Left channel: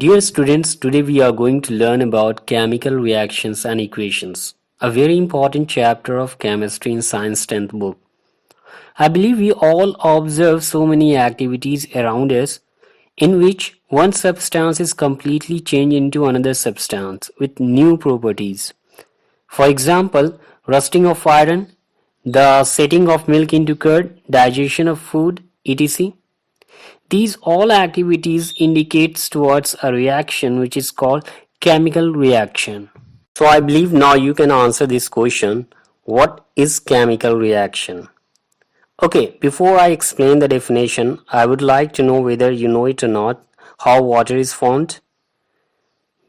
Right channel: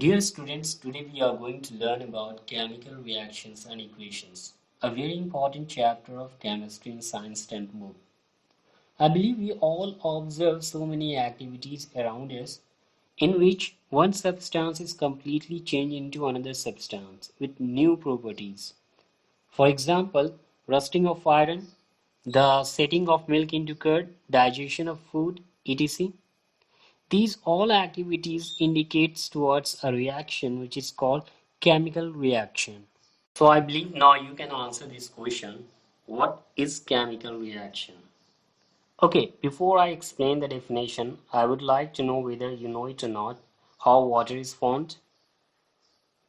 Dear students, today we are going to learn about chemical reactions and equations, a very important chapter of chemistry in science 10th book. I believe we all observe so many activities around us in which one substance is completely changed into another substance with new properties. For example, rusting of iron, the setting of milk into curd, digestion of food, etc. These all activities indicates towards a reaction which is called chemical reaction. So I believe now you can answer this question. What is chemical reaction? Okay, before I explain the definition, I would like to know whether you know it or not, how water is formed.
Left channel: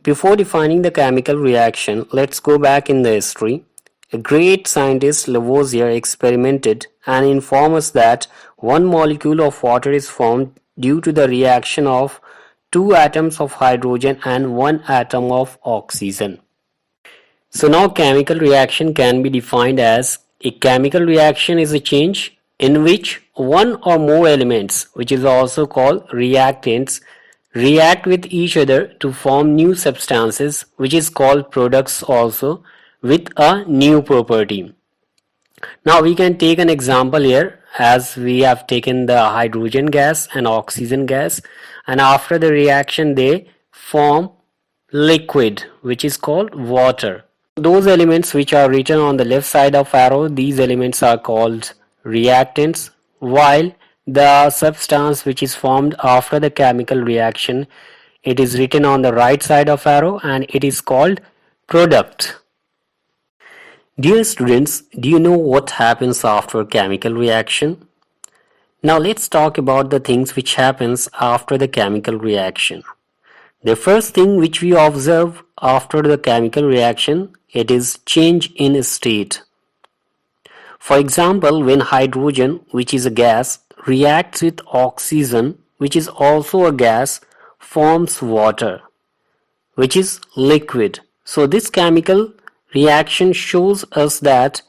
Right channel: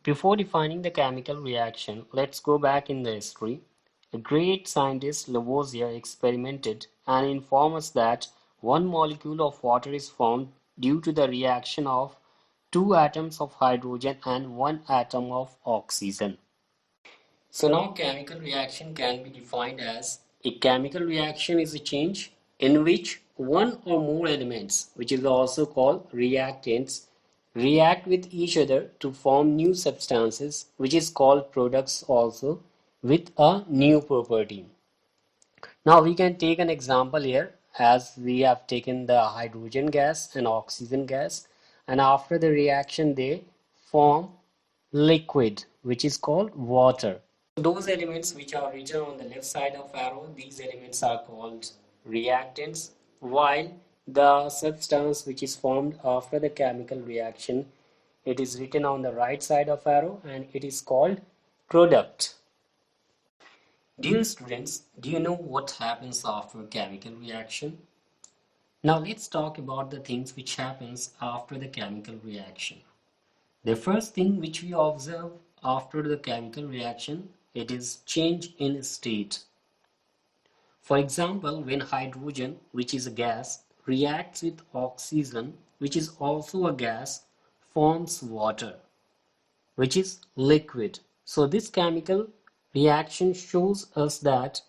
Before defining the chemical reaction, let's go back in the history. A great scientist Lavoisier experimented and informed us that one molecule of water is formed due to the reaction of two atoms of hydrogen and one atom of oxygen. So now chemical reaction can be defined as a chemical reaction is a change in which one or more elements, which is also called reactants, react with each other to form new substances, which is called products also, with a new property. Now we can take an example here, as we have taken the hydrogen gas and oxygen gas, and after the reaction they form liquid, which is called water. Those elements which are written on the left side of arrow, these elements are called reactants, while the substance which is formed after the chemical reaction, it is written on the right side of arrow and it is called product. Dear students, do you know what happens after chemical reaction? Now let's talk about the things which happens after the chemical reaction. The first thing which we observe after the chemical reaction, it is change in state. For example, when hydrogen, which is a gas, reacts with oxygen, which is also a gas, forms water, which is liquid. So this chemical reaction shows us that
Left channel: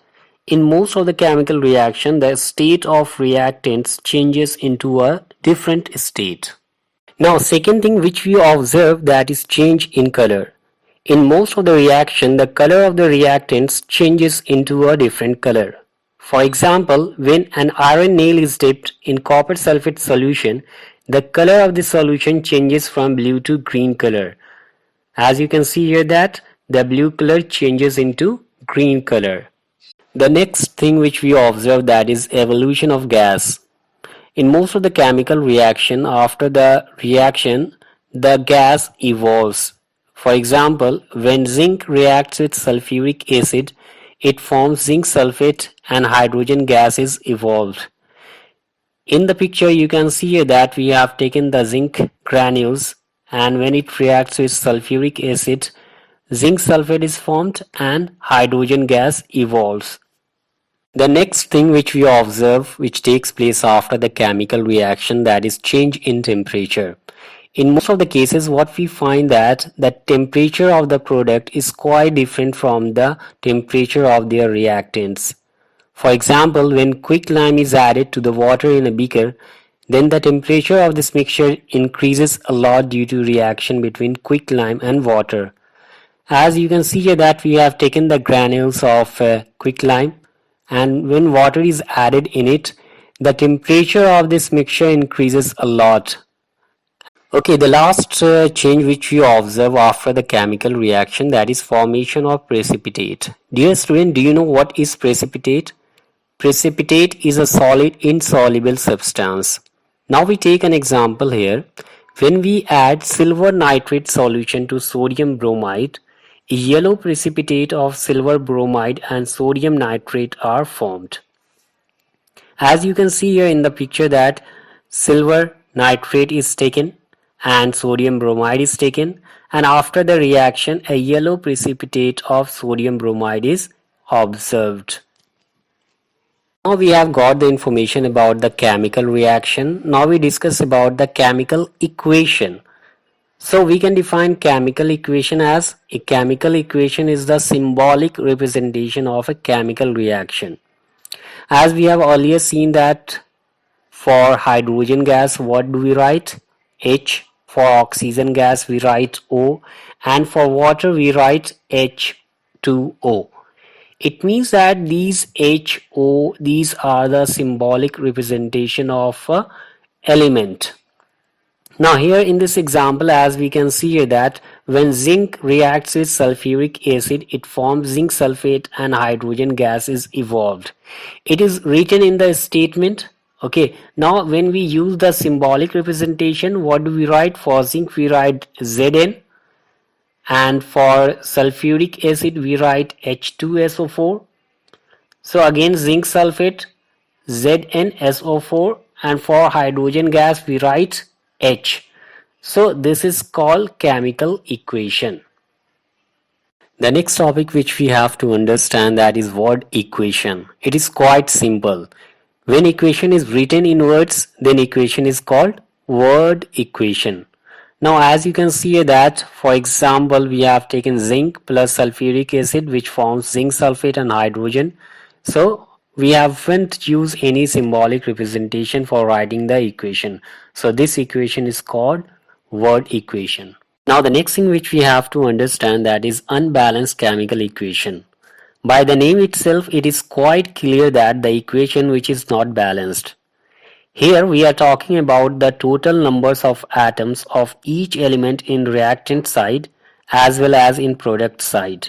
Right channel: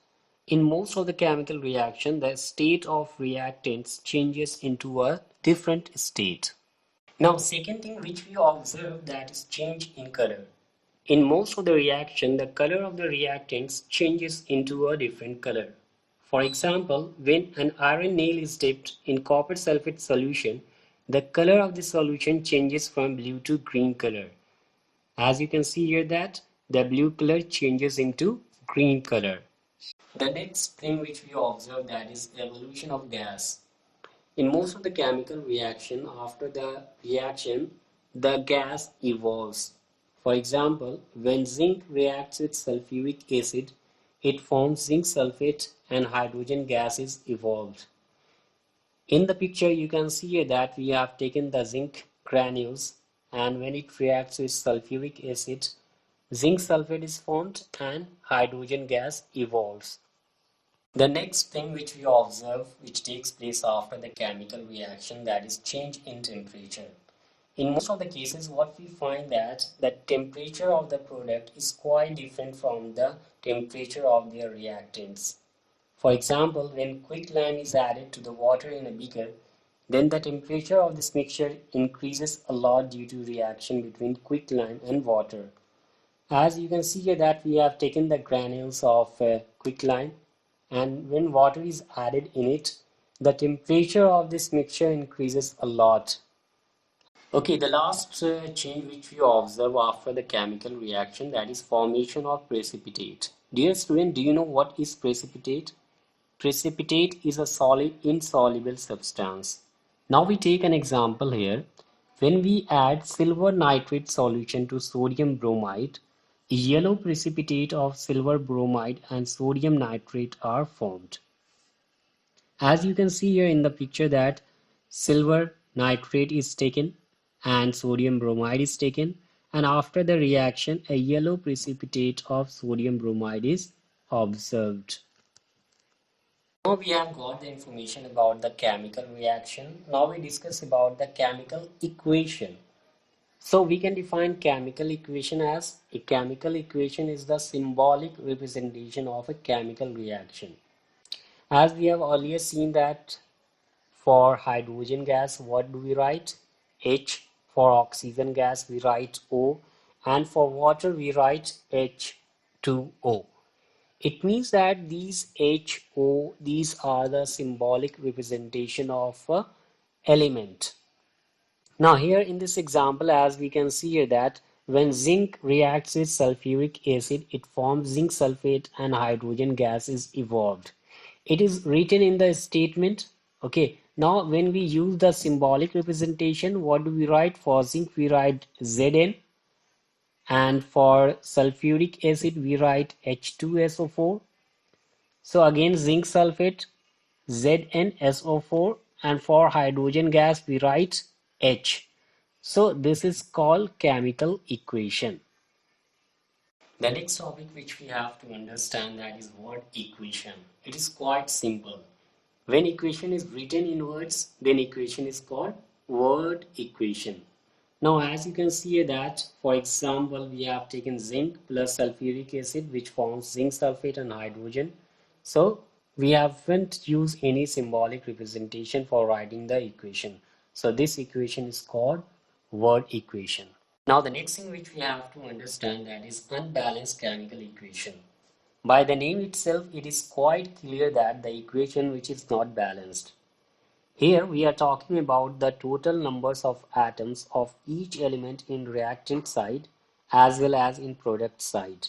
in most of the chemical reaction, the state of reactants changes into a different state. Now, second thing which we observe, that is change in color. In most of the reaction, the color of the reactants changes into a different color. For example, when an iron nail is dipped in copper sulfate solution, the color of the solution changes from blue to green color. As you can see here that the blue color changes into green color. The next thing which we observe, that is evolution of gas. In most of the chemical reaction, after the reaction, the gas evolves. For example, when zinc reacts with sulfuric acid, it forms zinc sulfate and hydrogen gas is evolved. In the picture you can see here that we have taken the zinc granules, and when it reacts with sulfuric acid, zinc sulfate is formed and hydrogen gas evolves. The next thing which we observe, which takes place after the chemical reaction, that is change in temperature. In most of the cases, what we find that the temperature of the product is quite different from the temperature of their reactants. For example, when quicklime is added to the water in a beaker, then the temperature of this mixture increases a lot due to reaction between quicklime and water. As you can see here that we have taken the granules of quicklime, and when water is added in it, the temperature of this mixture increases a lot. Okay, the last change which we observe after the chemical reaction, that is formation of precipitate. Dear student, do you know what is precipitate? Precipitate is a solid insoluble substance. Now we take an example here. When we add silver nitrate solution to sodium bromide, a yellow precipitate of silver bromide and sodium nitrate are formed. As you can see here in the picture that silver nitrate is taken and sodium bromide is taken, and after the reaction a yellow precipitate of sodium bromide is observed. Now we have got the information about the chemical reaction. Now we discuss about the chemical equation. So we can define chemical equation as a chemical equation is the symbolic representation of a chemical reaction. As we have earlier seen that for hydrogen gas, what do we write? H For oxygen gas we write O, and for water we write H2O. It means that these HO, these are the symbolic representation of a element. Now here in this example, as we can see here, that when zinc reacts with sulfuric acid, it forms zinc sulfate and hydrogen gas is evolved. It is written in the statement. Okay, now when we use the symbolic representation, what do we write? For zinc we write Zn, and for sulfuric acid we write H2SO4. So again zinc sulfate ZnSO4, and for hydrogen gas we write H. So this is called chemical equation. The next topic which we have to understand, that is word equation. It is quite simple. When equation is written in words, then equation is called word equation. Now as you can see here, that for example we have taken zinc plus sulfuric acid which forms zinc sulfate and hydrogen. So we haven't used any symbolic representation for writing the equation. So this equation is called word equation. Now the next thing which we have to understand, that is unbalanced chemical equation. By the name itself, it is quite clear that the equation which is not balanced. Here we are talking about the total numbers of atoms of each element in reactant side as well as in product side.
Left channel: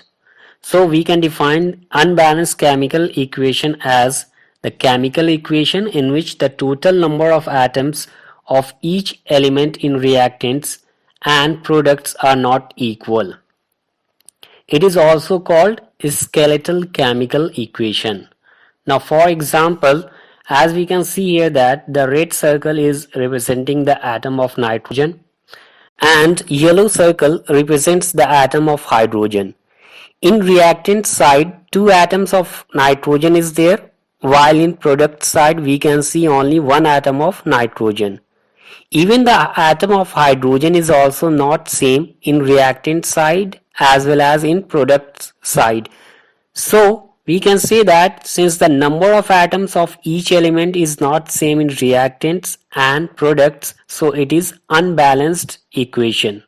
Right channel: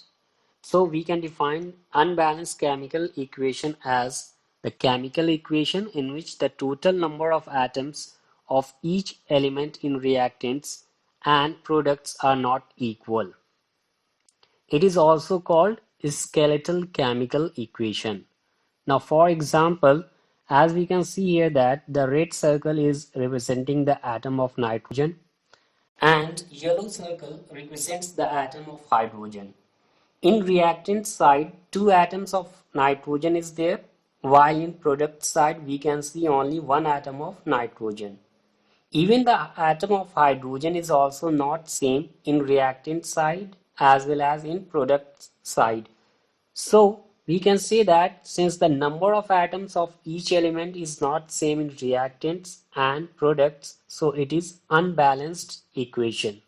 So we can define unbalanced chemical equation as the chemical equation in which the total number of atoms of each element in reactants and products are not equal. It is also called skeletal chemical equation. Now for example, as we can see here, that the red circle is representing the atom of nitrogen and yellow circle represents the atom of hydrogen. In reactant side, two atoms of nitrogen is there, while in product side we can see only one atom of nitrogen. Even the atom of hydrogen is also not same in reactant side as well as in product side. So we can say that since the number of atoms of each element is not same in reactants and products, so it is unbalanced equation.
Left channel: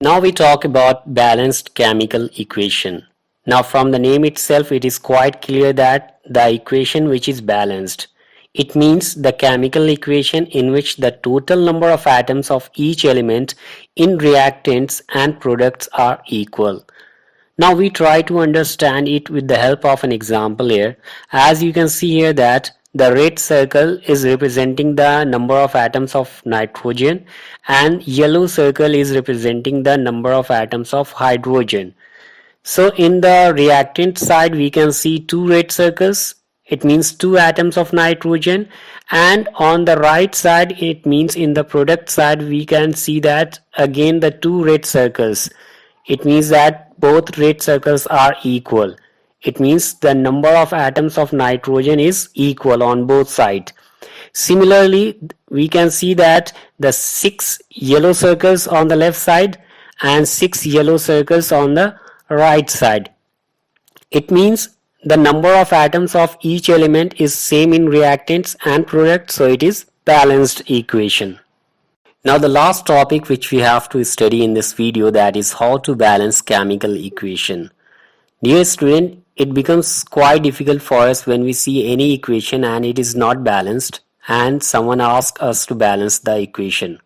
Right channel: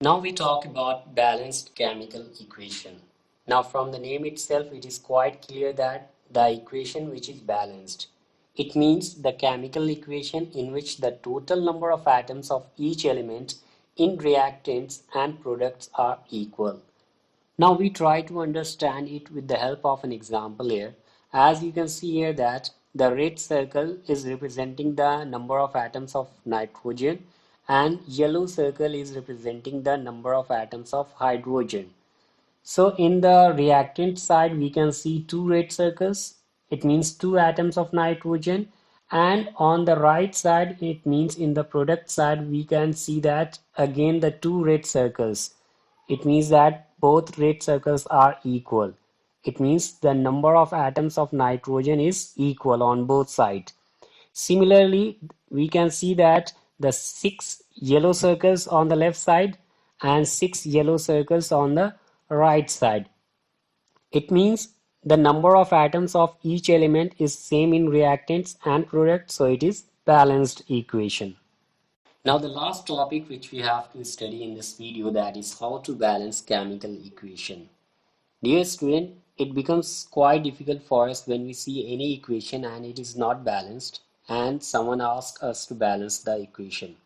Now we talk about balanced chemical equation. Now from the name itself, it is quite clear that the equation which is balanced. It means the chemical equation in which the total number of atoms of each element in reactants and products are equal. Now we try to understand it with the help of an example here. As you can see here, that the red circle is representing the number of atoms of nitrogen and yellow circle is representing the number of atoms of hydrogen. So in the reactant side we can see two red circles. It means two atoms of nitrogen, and on the right side it means in the product side we can see that again the two red circles. It means that both red circles are equal. It means the number of atoms of nitrogen is equal on both sides. Similarly, we can see that the 6 yellow circles on the left side and 6 yellow circles on the right side. It means the number of atoms of each element is same in reactants and products, so it is balanced equation. Now the last topic which we have to study in this video, that is how to balance chemical equation. Dear student, it becomes quite difficult for us when we see any equation and it is not balanced and someone asks us to balance the equation.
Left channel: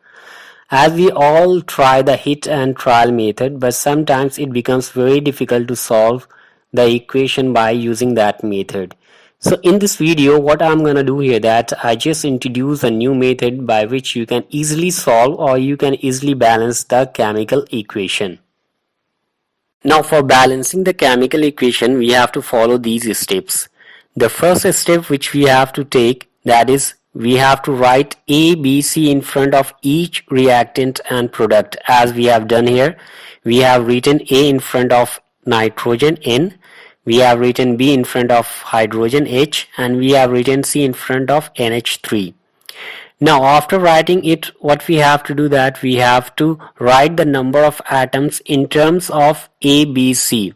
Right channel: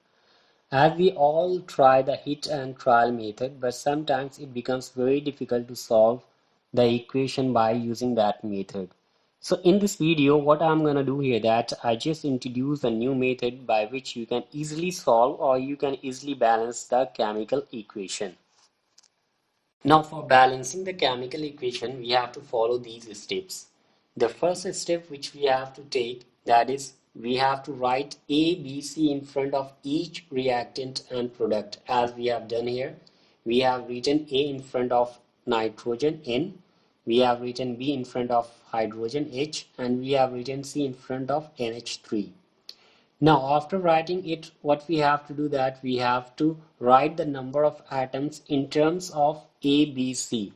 As we all try the hit and trial method, but sometimes it becomes very difficult to solve the equation by using that method. So in this video, what I'm gonna do here, that I just introduce a new method by which you can easily solve or you can easily balance the chemical equation. Now for balancing the chemical equation, we have to follow these steps. The first step which we have to take, that is we have to write A, B, C in front of each reactant and product. As we have done here, we have written A in front of nitrogen N, we have written B in front of hydrogen H, and we have written C in front of NH3. Now after writing it, what we have to do, that we have to write the number of atoms in terms of A, B, C.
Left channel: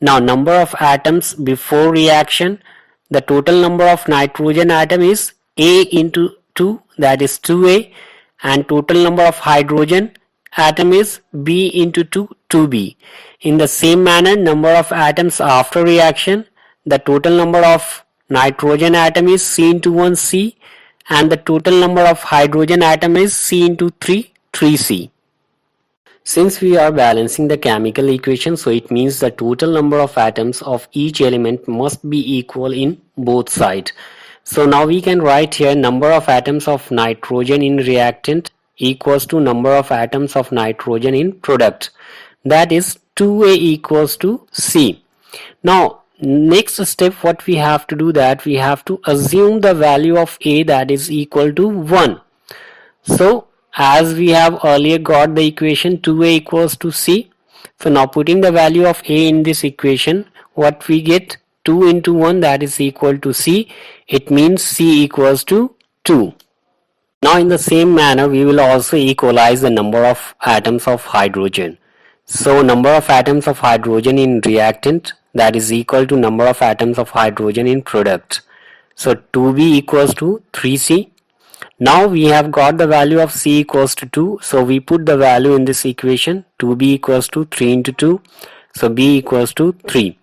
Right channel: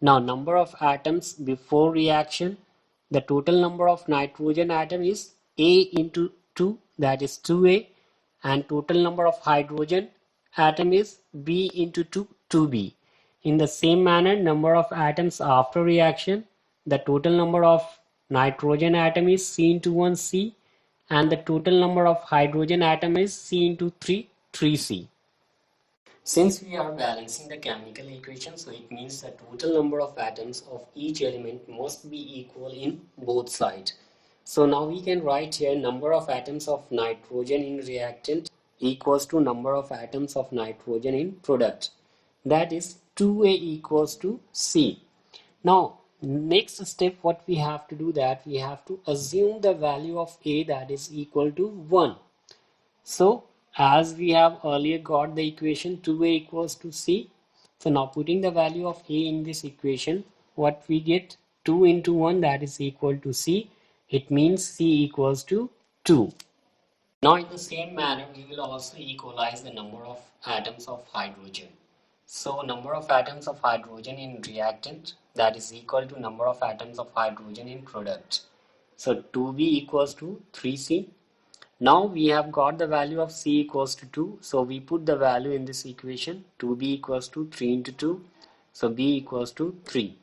Now number of atoms before reaction, the total number of nitrogen atom is A into 2, that is 2A, and total number of hydrogen atom is B into 2, 2B. In the same manner, number of atoms after reaction, the total number of nitrogen atom is C into 1C, and the total number of hydrogen atom is C into 3, 3C. Since we are balancing the chemical equation, so it means the total number of atoms of each element must be equal in both sides. So now we can write here number of atoms of nitrogen in reactant equals to number of atoms of nitrogen in product. That is 2A equals to C. Now next step, what we have to do, that we have to assume the value of A that is equal to 1. So as we have earlier got the equation 2A equals to C, so now putting the value of A in this equation, what we get, 2 into 1, that is equal to C. It means C equals to 2. Now in the same manner, we will also equalize the number of atoms of hydrogen. So number of atoms of hydrogen in reactant, that is equal to number of atoms of hydrogen in product. So 2B equals to 3C. Now we have got the value of C equals to 2. So we put the value in this equation. 2B equals to 3 into 2. So B equals to 3.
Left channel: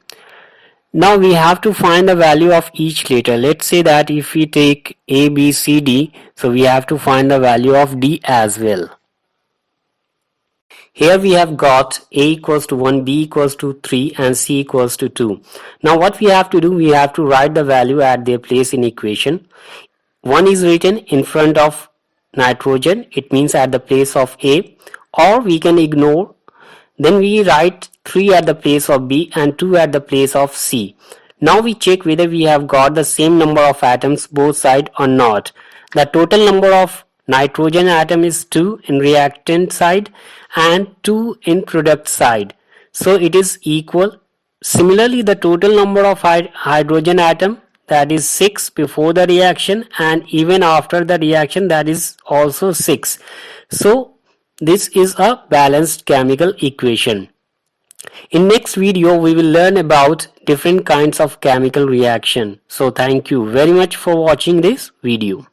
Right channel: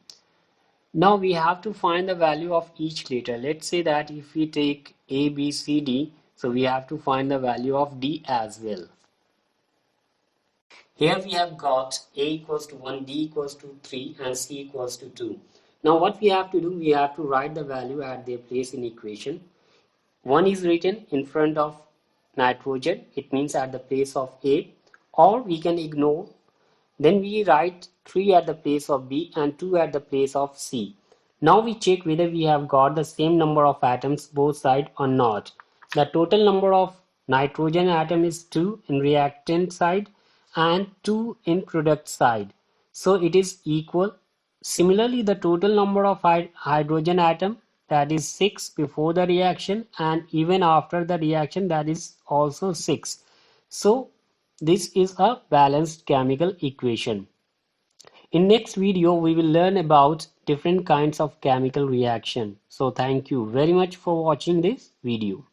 Now we have to find the value of each letter. Let's say that if we take A, B, C, D, so we have to find the value of D as well. Here we have got A equals to 1, B equals to 3 and C equals to 2. Now what we have to do, we have to write the value at their place in equation. 1 is written in front of nitrogen, it means at the place of A, or we can ignore. Then we write 3 at the place of B and 2 at the place of C. Now we check whether we have got the same number of atoms both sides or not. The total number of nitrogen atom is 2 in reactant side and 2 in product side. So it is equal. Similarly, the total number of hydrogen atom, that is 6 before the reaction, and even after the reaction, that is also 6. So this is a balanced chemical equation. In next video, we will learn about different kinds of chemical reaction. So thank you very much for watching this video.